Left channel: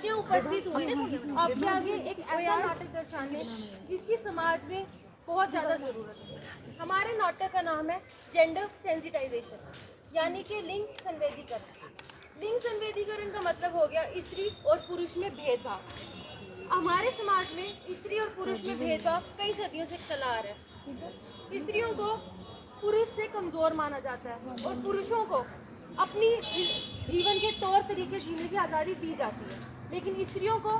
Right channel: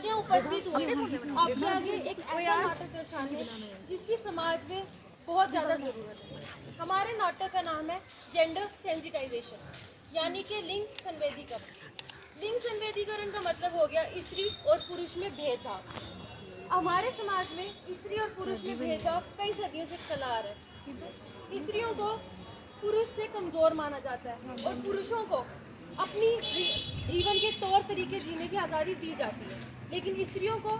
आज यहाँ उपस्थित हुए आपके आगे एक ऐसा नाटक दर्शाने जिसकी समाज में बहुत ज़्यादा ज़रूरत है। हमारे नाटक का नाम है जेंडर सेंसिटाइजेशन, यानी कि लिंग संवेदीकरण। लिंग संवेदीकरण का मतलब हो गया स्त्री और पुरुष में भेदभाव। हमारे समाज में स्त्री और पुरुष में भेदभाव कई सदियों से चला आ रहा है। स्त्रियों को पुरुष से कमज़ोर माना जाता है और पुरुषों को अपनी जीवन के तौर तरीके जीने की आज़ादी दी जाती है, लेकिन स्त्रियों को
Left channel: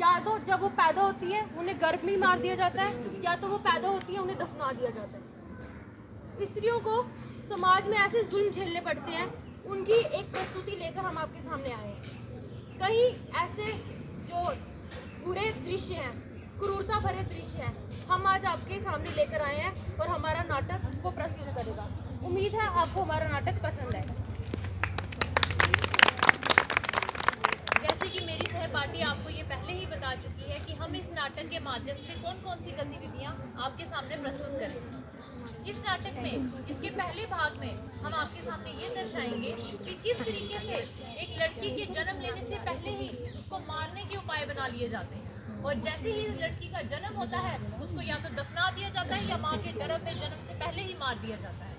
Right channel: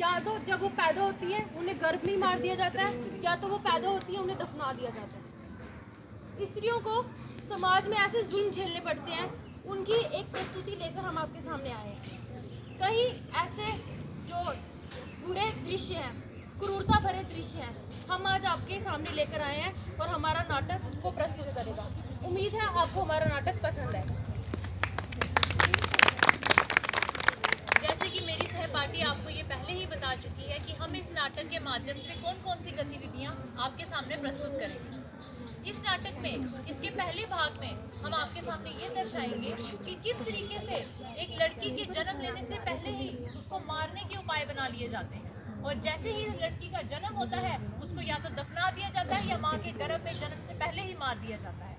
या तो जब वो पैदा होती है उन्हें गर्भ में मार दिया जाता है, या तो वो पैदा होती है उन्हें दफना दिया जाता है। स्त्रियों को समाज में ऐसे जुल्म झेलने पड़ते हैं, उनकी एक प्रस्तुति लेकर हम आपके सामने आए हैं। कहीं ऐसे जो बुरे दृश्य हैं, क्रूरता भरे दृश्य हैं, हम आज आपके सामने लेकर आए हैं और हमारा नाटक को प्रस्तुत करेगा। उम्मीद है आपको हमारा नाटक पसंद आएगा। जैसे कि मेरी सहपाठी आपको ये पहले ही बता चुकी है कि हम इस नाटक के माध्यम से कौन कौन सी गतिविधियाँ आपके सामने प्रस्तुत करेंगे। इस नाटक में इसके पहले भाग में हम आपके सामने ये दर्शाएंगे कि किस तरीके से एक लड़की के जन्म लेने से पहले ही उसको मारने के उपाय बना लिए जाते हैं, और जैसे ही लड़की का जन्म होता है उसको या तो दफना दिया जाता है या माँ के गर्भ में जन्म से पहले ही मार दिया जाता है।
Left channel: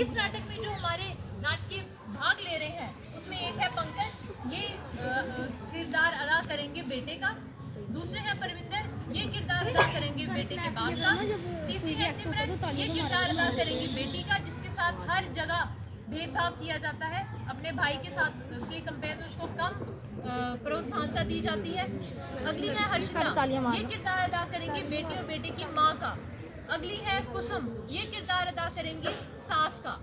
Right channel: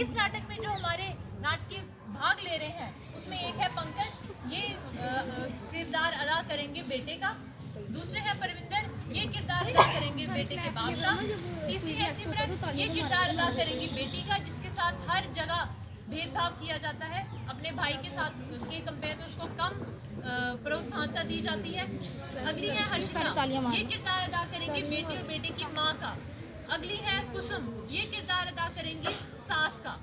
इस नाटक में जो हमारे नाट्य भाग ले रहे हैं उसमें एक है पंकज, ये किरदार अदा करेंगे बेटे का। दूसरे हैं परविंदर, ये किरदार अदा करेंगे बेटे के बाप का। तीसरी है सिमरन, ये किरदार अदा करेंगी बेटी का, जिसके साथ हर जगह भेदभाव किया जाता है, अपने भाई के साथ के कंपेयर में उसको कम प्रोत्साहनता दी जाती है। अगली है हर्षिता, ये किरदार अदा करेंगे बेटे और बेटे की माँ का। अगली है कुसुम, ये किरदार अदा करेंगे सास का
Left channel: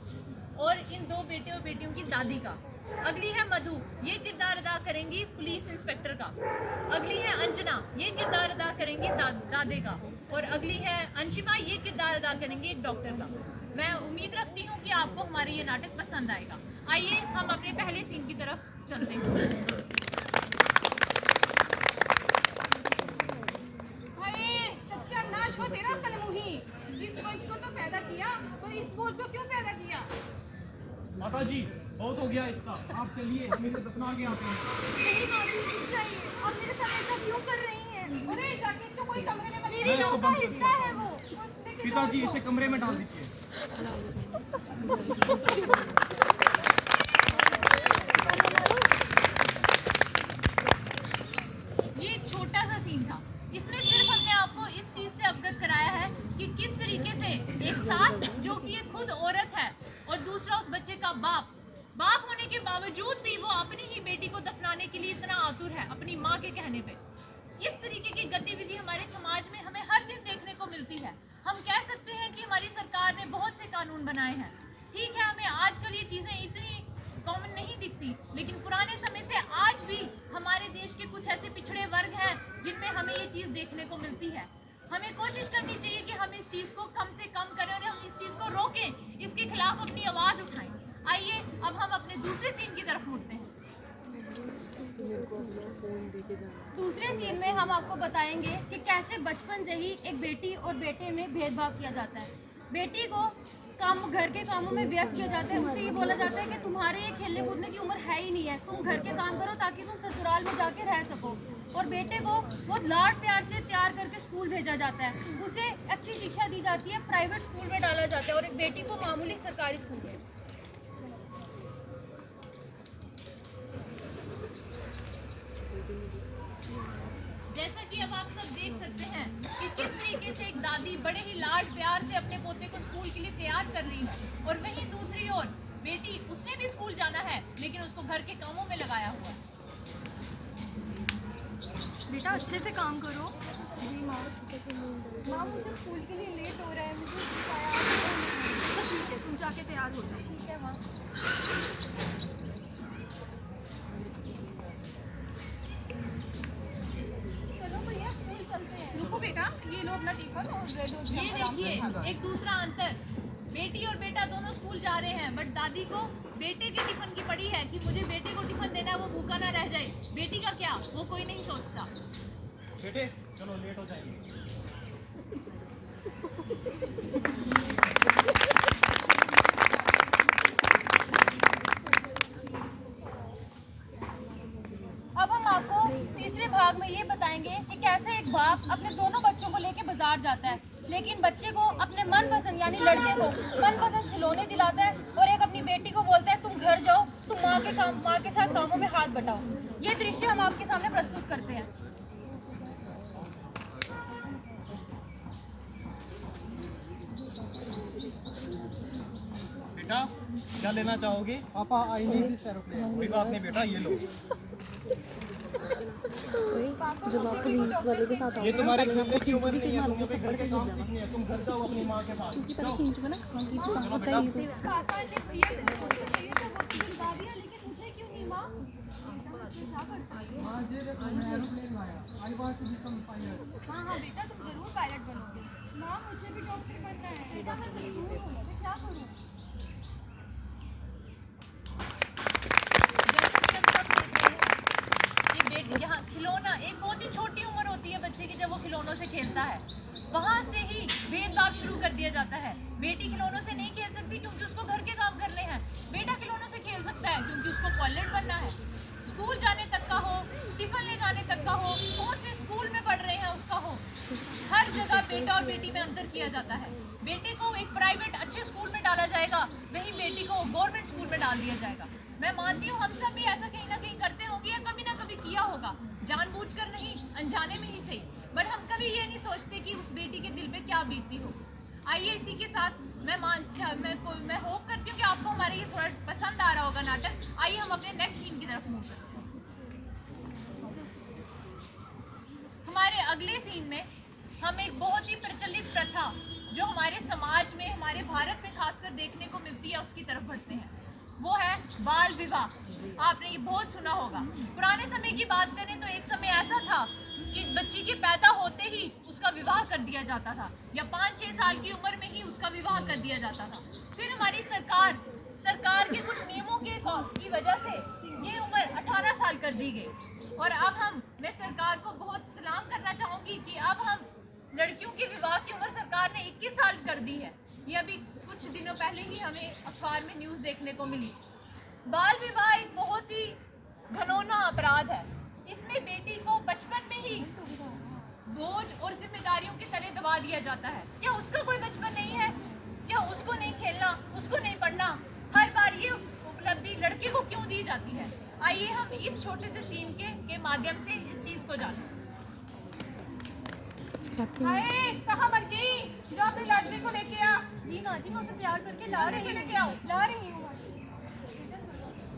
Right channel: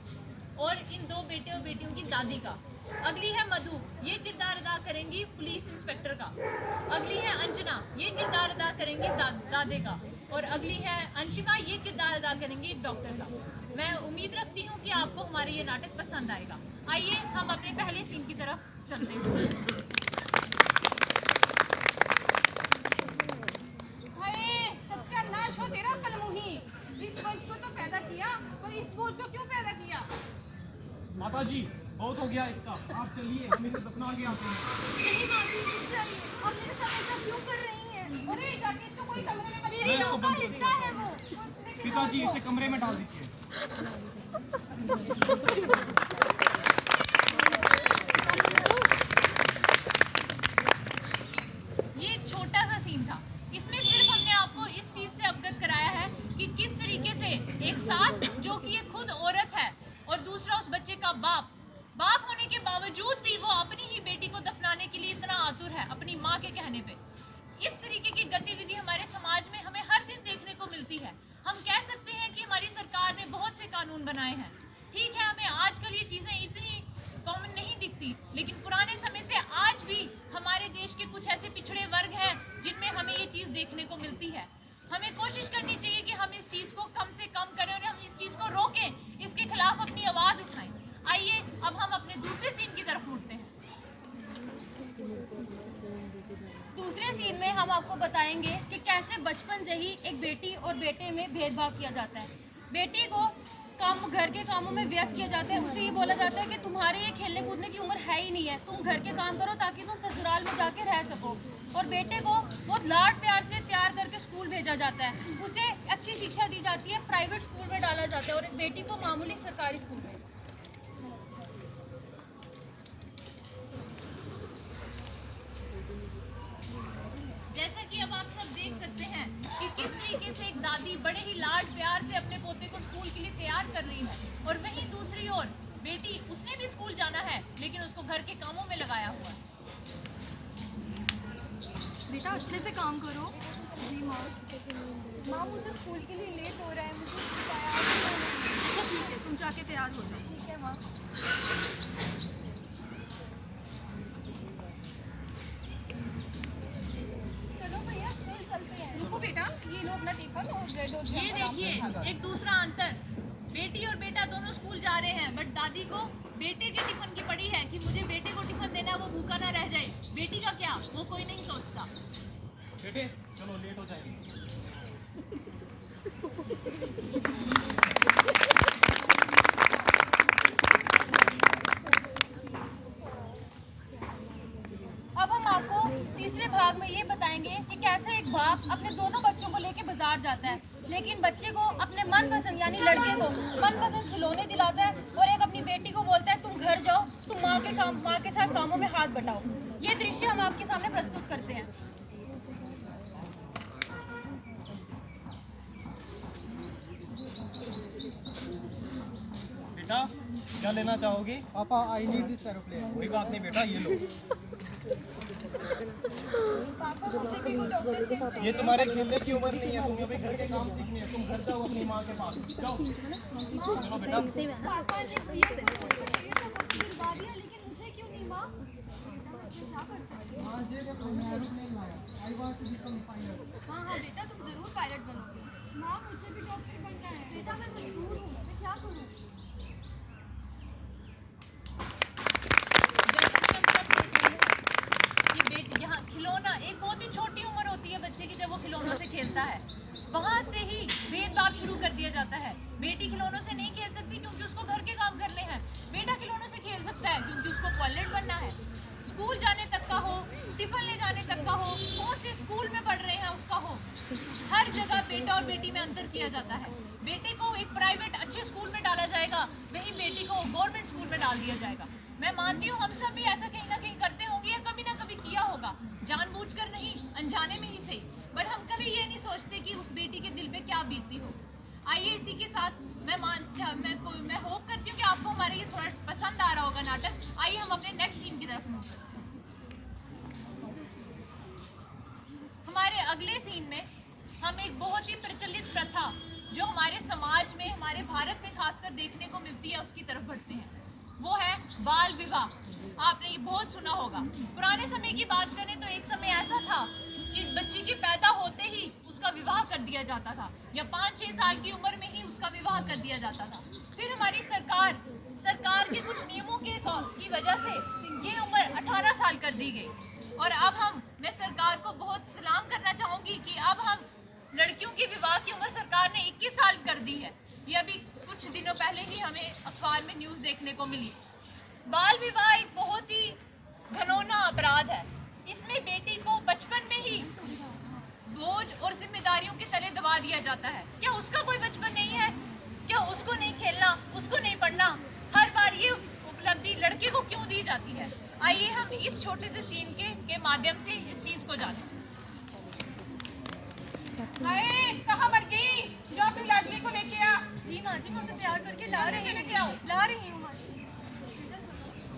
और इन दो बेटे और बेटियों की दादी का। अगली है मधु, ये किरदार अदा करेंगी पुलिस इंस्पेक्टर का। अगली है अंजना, ये किरदार अदा करेंगे दादे का। और अगली है अंशिमा, ये किरदार अदा करेंगे डॉक्टर का। मैं उम्मीद रखती हूँ कि आपको हमारे ये नाटक पसंद आएगा। आइए हम अपने पहले सीन की तरफ चलते हैं। सत्यानाश हो तेरा कलमुही, इस बोझ को तो पैदा किया, पर इस बोझ को क्यों पैदा किया? माता जी बहुत हो गया इसका, आप चलिए हम इसे दफना के आते हैं। नहीं माजी, रुक जाइए, आप मेरे साथ ऐसा क्यों कर रही हैं? अरे जाके इसको कोई कमरे में मेरी नौका का हिस्सा है वो। पिताजी इसे कमरे में डाल दीजिए। ये एक छोटा सा सीन था, इसमें सिर्फ हमने आपको इस चीज से अवगत कराया है कि किस तरीके से एक सास जो कि ये खुद औरत है और दूसरा उस बच्चे का बाप होने के बावजूद भी वो अपनी ही बेटी को दफनाने के लिए इतना आतुर है अपनी माँ के कहने पे। इस तरीके की गतिविधि हमारे समाज में हमें हर दिन देखने को मिलती है। हम कह सकते हैं कि हमारी सरकार ने बहुत से कानून बनाए हैं, ठीक है, हमें आजकल ये चीज़ें इतनी कॉमन नहीं दिखती, लेकिन पुराने समय से आज भी हमारे देश के कुछ ऐसे पिछड़े वर्ग हैं जिनमें हमें ये चीज़ देखने को मिलती है। हमें कोशिश करनी चाहिए कि हम इस चीज़ को कम से कम करें और हम इस चीज़ को रोकें, इसके खिलाफ अपनी आवाज़ उठाएं। आइए अब हम अपने दूसरे सीन की तरफ मुड़ते हैं। दूसरे सीन में हम आपको बताएंगे कि कैसे बचपन से ही एक बेटी और बेटे में भेदभाव किया जाता है। बेटी को घर के कामों में व्यस्त किया जाता है, उसे ये बोला जाता है कि तुम्हारे ये खेलने कूदने की उम्र है ही नहीं है, तुम घर के काम करो ताकि तुम ससुराल में जाके रह सको। और बेटे को बहुत लाड प्यार से तैयार करके स्कूल भेजा जाता है, उसे अच्छी शिक्षा दी जाती है, प्राइवेट स्कूल में डाला जाता है और एक बेटी को मामूली सरकारी स्कूल में। जैसा कि अब आप सब देख सकते हैं कि किस तरीके से एक दादी बड़े ही लाड प्यार से अपने पोते को स्कूल के लिए तैयार कर रही है, और वहीं दूसरी ओर बेटी, उसने भी स्कूल जाना है लेकिन उसको घर के कामों में लगाया हुआ है। बेटा अच्छे से काम करो। जी माँ मुझे स्कूल के लिए लेट हो रहा है, मुझे तैयार होना है। अच्छा ठीक है, तुम जाके तैयार हो जाओ। ठीक है माँ। रुको बेटा, ये लो अपना टिफिन और ब्रेड और ये देखिए एक दूसरा अंतर, बेटी और बेटा दोनों स्कूल जा रहे हैं, बट दादी को बेटे के टिफिन की पड़ी है कि मुझे बेटे को टिफिन देना है, वो भूखा ना रह जाए। बेटी का क्या, वो कोई नहीं सोचता। बेटे चलो लेट हो जाएंगे। अब हम आपको दूसरे भाग में ये बताएंगे कि कैसे एक बाप अपने दोनों बच्चों को लेके बाजार जाता है, लेकिन बच्चे को अपने मनपसंद यानी लड़के को मनपसंद खिलौने दिलाता है और एक अपनी बेटी को बोलता है तुम घर जाओ, तुम माँ के साथ कामों में हाथ बटाओ। ये दृश्य हम आपके सामने प्रस्तुत करते हैं। बेटा क्या लेना चाहोगे? पापा आई नीड दिस एरोप्लेन। कोई बात नहीं बेटा, ये लो। ये तुम्हारे खेलने की उम्र नहीं है, तुम्हें अभी घर के काम सीखने हैं। तुम घर जाओ अपनी माँ के पास, जाओ। चलो बेटा। पापा ने भैया से मुझको चाहिए था, वो तो दिलवा दिया, लेकिन मुझे क्यों नहीं माँ? क्या कर सकते हैं? हाँ ये देखो मैं एरोप्लेन लाया। I want to become pilot. हाँ बेटा, तुम जरूर पायलट बनोगे। माँ मुझे भी डॉक्टर बनना है। बेटा मैं मजबूर हूँ, मैं क्या करूँ? जैसा कि हम सब देख रहे हैं कि बेटी यहाँ खिलौना एक बहुत ही छोटी उम्र होती है बच्चे की जब वो खिलौनों से खेलता है, वहाँ से ही भेदभाव शुरू कर दिया जाता है। बेटी खिलौनों से नहीं खेल सकती क्योंकि उसको घर के काम करने हैं। बेटा खिलौनों से खेल सकता है क्योंकि उसको पायलट बनना है। स्कूल जाने तक का हो, टिफिन ले जाने तक का हो, कौन से स्कूल में पढ़ रहे हैं उसका हो, हर जगह बेटा और बेटी में अंतर किया जाता है। बेटे को एक प्राइवेट अच्छे स्कूल में डाला जाएगा, वहीं बेटी को गवर्नमेंट स्कूल में डाल दिया जाएगा। मैं मानती हूँ हम सब भी ऐसा कहीं ना कहीं करते होंगे या कभी ना कभी किया होगा, जानबूझकर नहीं, अनजाने में ही सही। बट हम कभी ये नहीं सोचते कि उस बेटी के दिल पे क्या बीतती हो। आइए इसी के साथ मैं होप करती हूँ कि आपको हमारा ये थोड़ा पसंद आ रहा होगा नाटक। आइए हम अपने नेक्स्ट सीन की तरफ मूव करते हैं। हमारे अगले सीन में हम एक बहुत ही प्रचलित प्रथा जो हमारे समाज में, हमारे भारत में खासकर देखने को मिलती है, उसकी तरफ बढ़ते हैं। वो है बाल विवाह। आपने ये बहुत सुना होगा। पुराने समय की बात करें तो एक समय ऐसा था कि बच्ची के पैदा होते ही उसका विवाह कर दिया जाता था या 5-6 साल की उम्र में ही उसका विवाह कर दिया जाता था। फिर हमारी सरकार के कुछ नियमों की वजह से ये उम्र 18 साल कर दी गई। और अब मैं सरकार को बहुत सलाम करना चाहूँगी कि अब हम लड़कियों की विवाह की उम्र सरकार ने 21 साल कर दी है। ये अभी कुछ दिनों पहले ही हमें अखबार में न्यूज़ देखने को मिली। बाल विवाह एक बहुत ही घिनौना अपराध है। इसमें बेटी को बचपन में ही बोझ और जिम्मेदारियों के तले दबा दिया जाता है। क्या उसका कोई बचपन नहीं है? क्या उसको नहीं खेलना, उसको नहीं पढ़ना? हर बार ये उपलब्धि लड़के को क्यों दी जाती है? आइए हम इस छोटे से सीन के माध्यम से इस चीज़ को जानें। कहाँ मर गई? जो अपनी लाडली को लेके आ। जी माँ जी, मैं उसे तैयार करके ला रही हूँ माँ।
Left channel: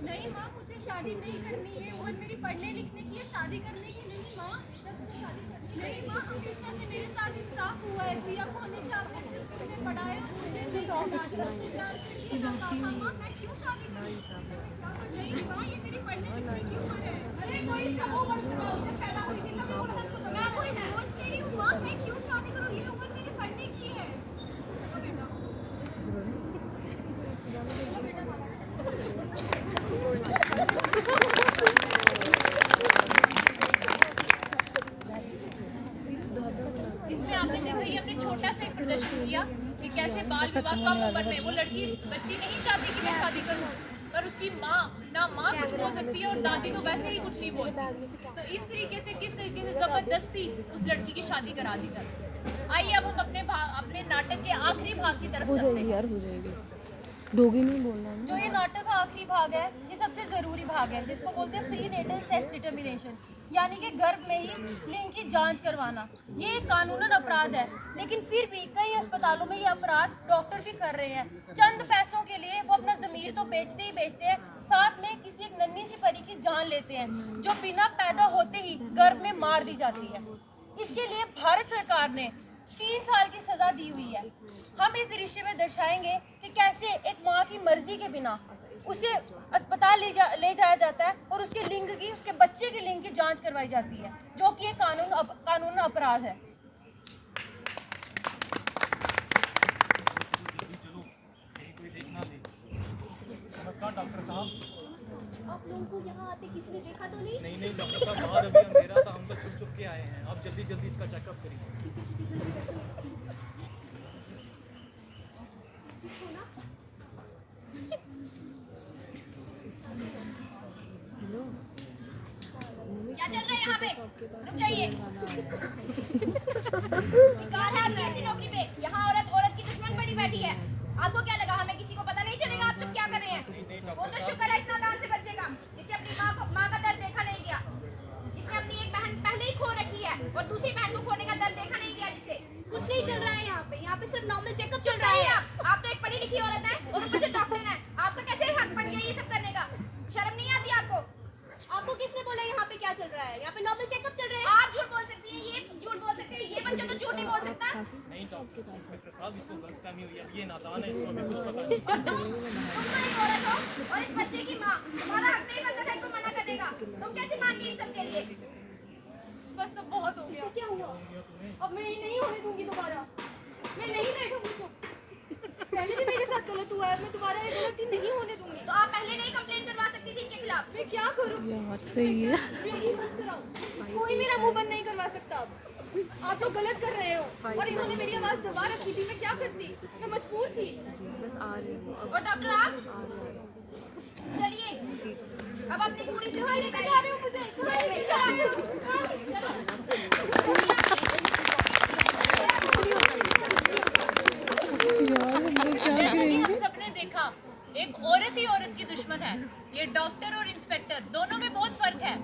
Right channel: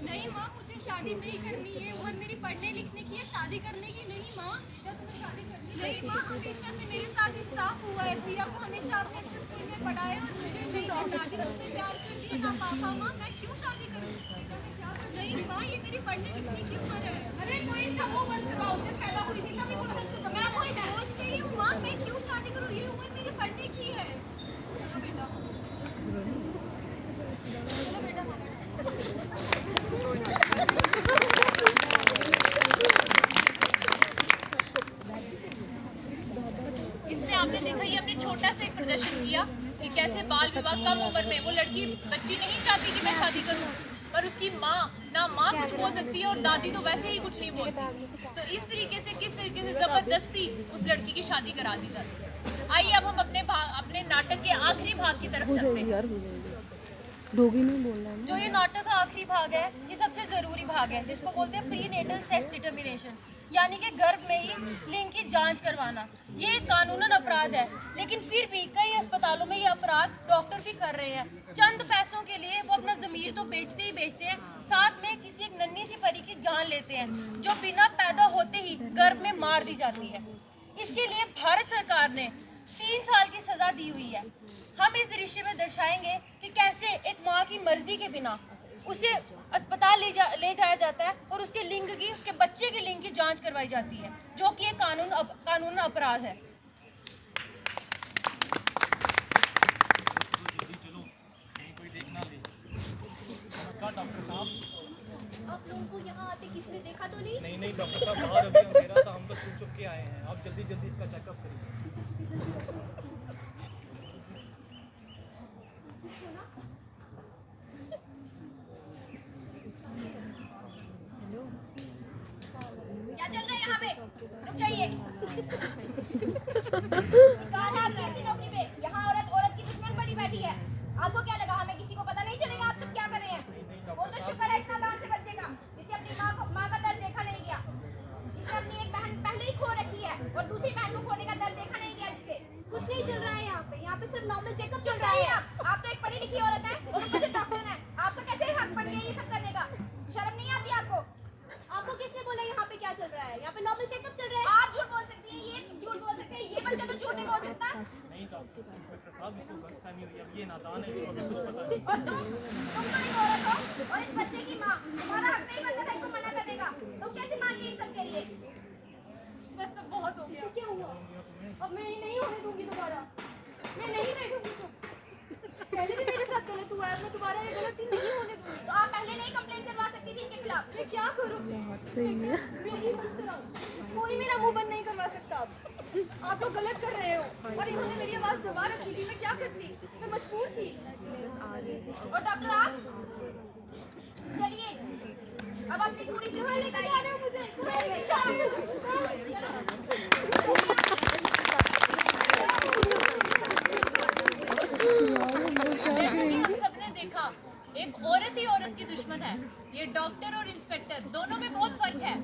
नहीं माँ, मुझे शादी नहीं करनी है। उम्र मेरी पढ़ने लिखने की है, शादी करने की नहीं माँ। नहीं माँ, हमेशा से मेरे साथ इंसाफ हुआ है। भैया को हमेशा अपने अच्छे स्कूल में पढ़ाए और मुझे नहीं, दादी मुझसे प्यार करती है ना पापा। माँ मैं क्यों शादी करूँ? नहीं माँ, ये मेरी पढ़ने लिखने की उम्र है। अरे कोई समूह बंद करवाओ। जब पैदा हुई थी तभी बोला था इसको मैं कोई बोझ नहीं हूँ माँ, मैं क्यों शादी करूँ? ये उम्र मेरी पढ़ने की है। चलो बेटा। चलो बेटा मामा। इसमें आपने देखा, ये हमने छोटा सा एक प्रदर्शन किया कि कैसे बाल विवाह कम उम्र में, वो बच्ची नहीं चाहती कि मैं शादी करूं, पर उसकी माँ कुछ बोल सकती है और दादी तो वैसे ही कुछ नहीं बोलती। तो इस तरीके से किस तरीके से जबरदस्ती उस लड़की की शादी करा दी जाती है। आइए अब हम अपने नाटक के आखिरी भाग की तरफ चलते हैं। डोगी नहीं बोलना। जो ये नाटक का आखिरी भाग है, ये सबसे ज़रूरी भाग है, जिसको बोलते हैं प्री नेटल सेक्स डिटर्मिनेशन, यानी कि गर्भ में ही लिंग की जांच करवाना। ये एक कानूनन अपराध है, लेकिन फिर भी कई अस्पतालों में ये अपराध डॉक्टर भी कर रहे हैं। चंद पैसों के लिए वो अपना ज़मीर तो बेचते ही बेचते हैं, साथ में किसी एक नन्ही सी परी की जान लेते हैं, जो बिना पैदा होते ही गर्भ में मार दी जाती है। इसके लिए भारत सरकार ने 3 साल की सज़ा दी हुई है। हम इस दृश्य में दर्शाएंगे कि कैसे एक माँ की मर्जी के बिना उसे अस्पताल ले जाया जाता है और उसके बच्चे के लिंग की जांच करवाई जाती है, जो कि एक कानून अपराध है। चलो कहीं कोई देख ना ले। नमस्कार डॉक्टर साहब। आप लोगों को यहाँ आते किसी ने देखा तो नहीं? नहीं डॉक्टर साहब, बाहर अभी अंधेरा था, हम तो छुप के आए हैं। आप जल्दी इसका चेकअप करिए। क्या चल रहा है यहाँ पे? रुक जाइए। धिक्कार है आपकी ऐसी नौकरी पे। यहाँ औरत की दुश्मन बनी बैठी है। आपको क्या लगा हमें किसी को पता नहीं चलेगा आप सब क्या कर रहे हैं? वो तो शुक्र है इस नादान से बचेगा जिसे अपनी माँ का दर्द देखा नहीं गया, जिसने अपनी एक बहन पहले ही खो रखी है और दूसरी बहन को खोने का दर्द देखा नहीं गया जिसे। कुछ नहीं चल रहा है यहाँ पे सिर्फ नॉर्मल चेकअप चुप रहिए आप तो एक पढ़ी लिखी औरत है और ऊपर से डॉक्टर है। आपका कैसे हक बन गया ये सब करने का? शर्म नहीं आती आपको? आपको किसने बोला यहाँ पे क्या चल रहा है? यहाँ पे नॉर्मल चेकअप चल रहा है। आप झूठ बोल सकती हैं, ये झूठ बोल सकते हैं, ये बच्चा तो झूठ नहीं बोल सकता। नहीं डॉक्टर साहब, इसको गलतफहमी हुई है, अब ये नादान है, इसको अभी कुछ पता नहीं। और तुम तो एक औरत हो और इस बच्चे की माँ, तुम्हारा हक नहीं बनता था इनको मना करने का। तुम कैसे मान गई इन सब के लिए? बस सब बहुत हो गया। क्या हुआ? अब मैं ये नहीं होने दूंगी दोबारा। मैं नहीं बैठूंगी चुप। पहले भी मेरे साथ गलत हुआ है, मैं दोबारा ये गलती नहीं होने दूंगी। तो आप पहले नहीं कंप्लेंट करवा सकती थी इनके खिलाफ? मैं क्या करूं? सही है। मैं मुंह बंद कराऊं? कोई मेरा मुंह बंद नहीं करवा सकता अब। आप लोग गलत कर रहे हो और इन्होंने मेरी आवाज दबा रखी थी। मैं क्या करती? मैं मजबूर थी। और डॉक्टर आप चलिए, अब अपनी पूरी कहाँ लेकर जा रहे हो मुझे? कहाँ लेकर जा रहे हो? जैसे कि हम सबने देखा, एक औरत ही औरत की दुश्मन है। ये डॉक्टर और इंस्पेक्टर दोनों में बहुत फर्क है।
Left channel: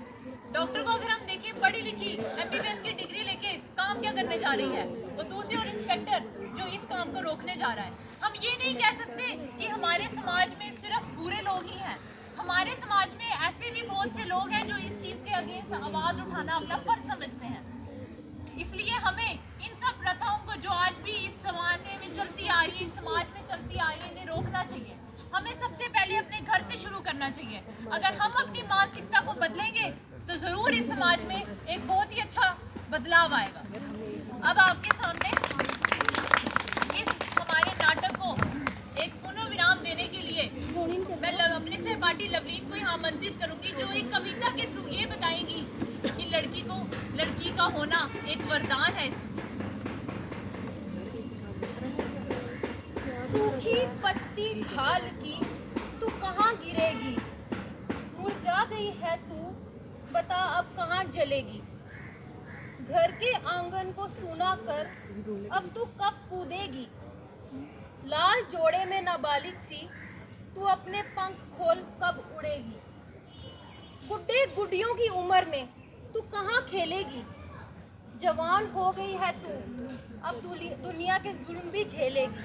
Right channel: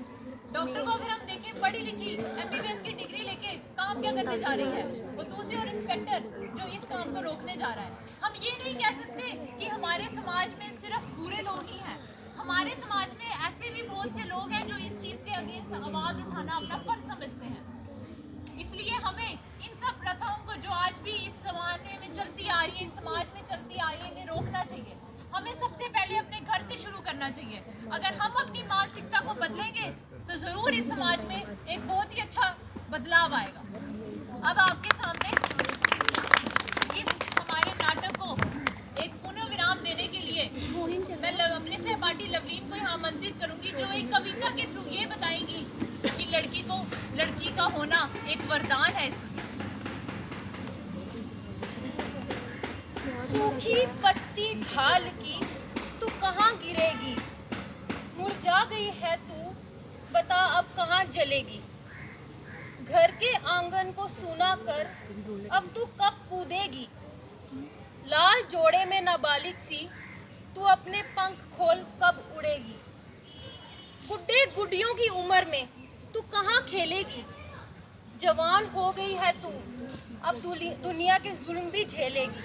डॉक्टर को अगर हम देखें, पढ़ी लिखी MBBS की डिग्री लेके काम क्या करने जा रही है, और दूसरी और इंस्पेक्टर जो इस काम को रोकने जा रहा है। हम ये नहीं कह सकते कि हमारे समाज में सिर्फ बुरे लोग ही हैं। हमारे समाज में ऐसे भी बहुत से लोग हैं जो इस चीज़ के अगेंस्ट आवाज़ उठाना अपना फर्ज समझते हैं। इसलिए हमें इन सब प्रथाओं को जो आज भी इस समाज में चलती आई है, इस समाज में चलती आई है, इन्हें रोकना चाहिए। हमें सबसे पहले अपने घर से शुरू करना चाहिए। अगर हम अपनी मानसिकता को बदलेंगे तो ज़रूर इस समाज में एक बहुत ही अच्छा बदलाव आएगा। अब आपके सामने इस हमारे नाटक को एक पुनः विराम देने के लिए मैं अपने सहपाठी लवलीन को यहाँ आमंत्रित करूँगी, जो एक कविता के थ्रू ये बताएंगी कि लड़की का होना एक वरदान है। सूखी पत्ती ढाल की तू कहाँ गिरेगी? मुरझा गई है तू, बता अब कहाँ जलेगी? घर के आंगन को सूना कर अब तू कब कूदेगी? लाल जोड़े में नाबालिग सी तू अपने पंख खोल कब उड़ेगी? गुड्डे गुड्डियों की उम्र में तू कहाँ खेलेगी? जवान हो गई है तू, अब दुनिया के जुल्म भी झेलेगी।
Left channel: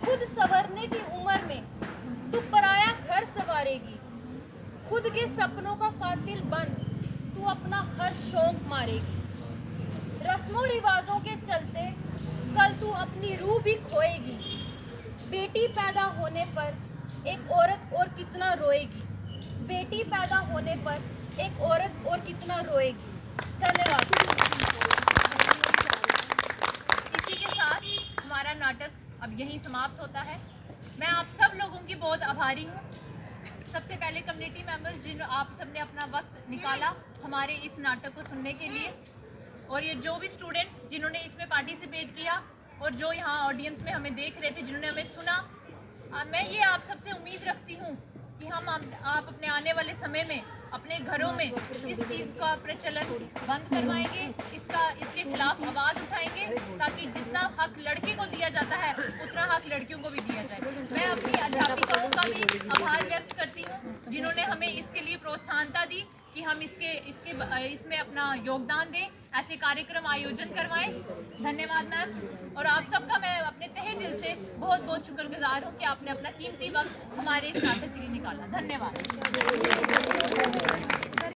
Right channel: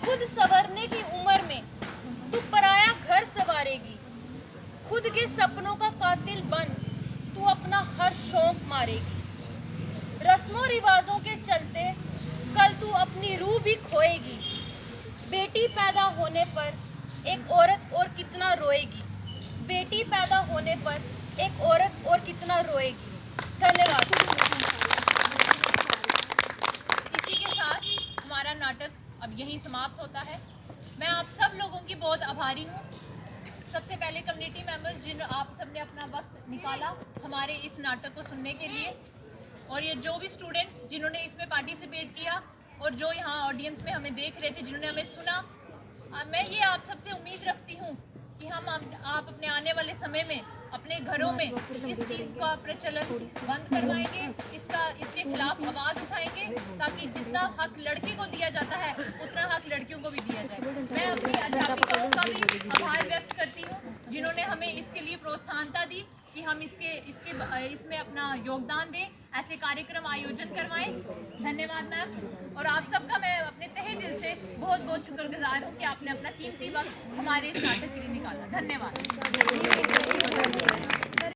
खुद संवरने की उम्र में तू पराया घर संवारेगी। खुद के सपनों का कातिल बन तू अपना हर शौक मारेगी। रस्मों रिवाजों के चलते कल तू अपनी रूह भी खोएगी। बेटी पैदा होने पर एक औरत और कितना रोएगी। बेटी पैदा होने पर एक औरत और कितना रोएगी। धन्यवाद। इसी के साथ हमारा नाटक अब यहीं समाप्त होता है। मैं आप सब लोगों की बहुत आभारी हूँ। सबसे पहले कम्युनिटी मेंबर्स जिन आप सबने अपना वक्त निकाला हमारे इस नाटक को सुनने के लिए, और ये जो भी स्टूडेंट्स जिन्होंने इसमें पार्टिसिपेट किया और जो यहाँ ऑडियंस में हमें देख रहे थे, जिन्होंने हमें सुना, मैं ये आप सबसे उम्मीद रखती हूँ कि आप अपने आने वाले समय में अपने घरों में इस चीज़ का प्रचलन बंद करवाएंगे, इसके खिलाफ आवाज़ उठाएंगे, ताकि जितना हक लड़के को दिया जाता है उतना हक लड़कियों को भी दिया जाए। मैं अपनी अध्यापिकाओं का भी आभार व्यक्त करती हूँ जिन्होंने हमें इसके लिए प्रोत्साहनता दी कि हम इसमें अपना योगदान दें, ऐसे कार्यक्रम आयोजन करवाएं। धन्यवाद मैम, और आप सबका मैं अपने तहे दिल से बहुत बहुत शुक्रगुजार हूँ कि आपने अपना कीमती वक्त हमारे इस नाटक के लिए निकाला। धन्यवाद।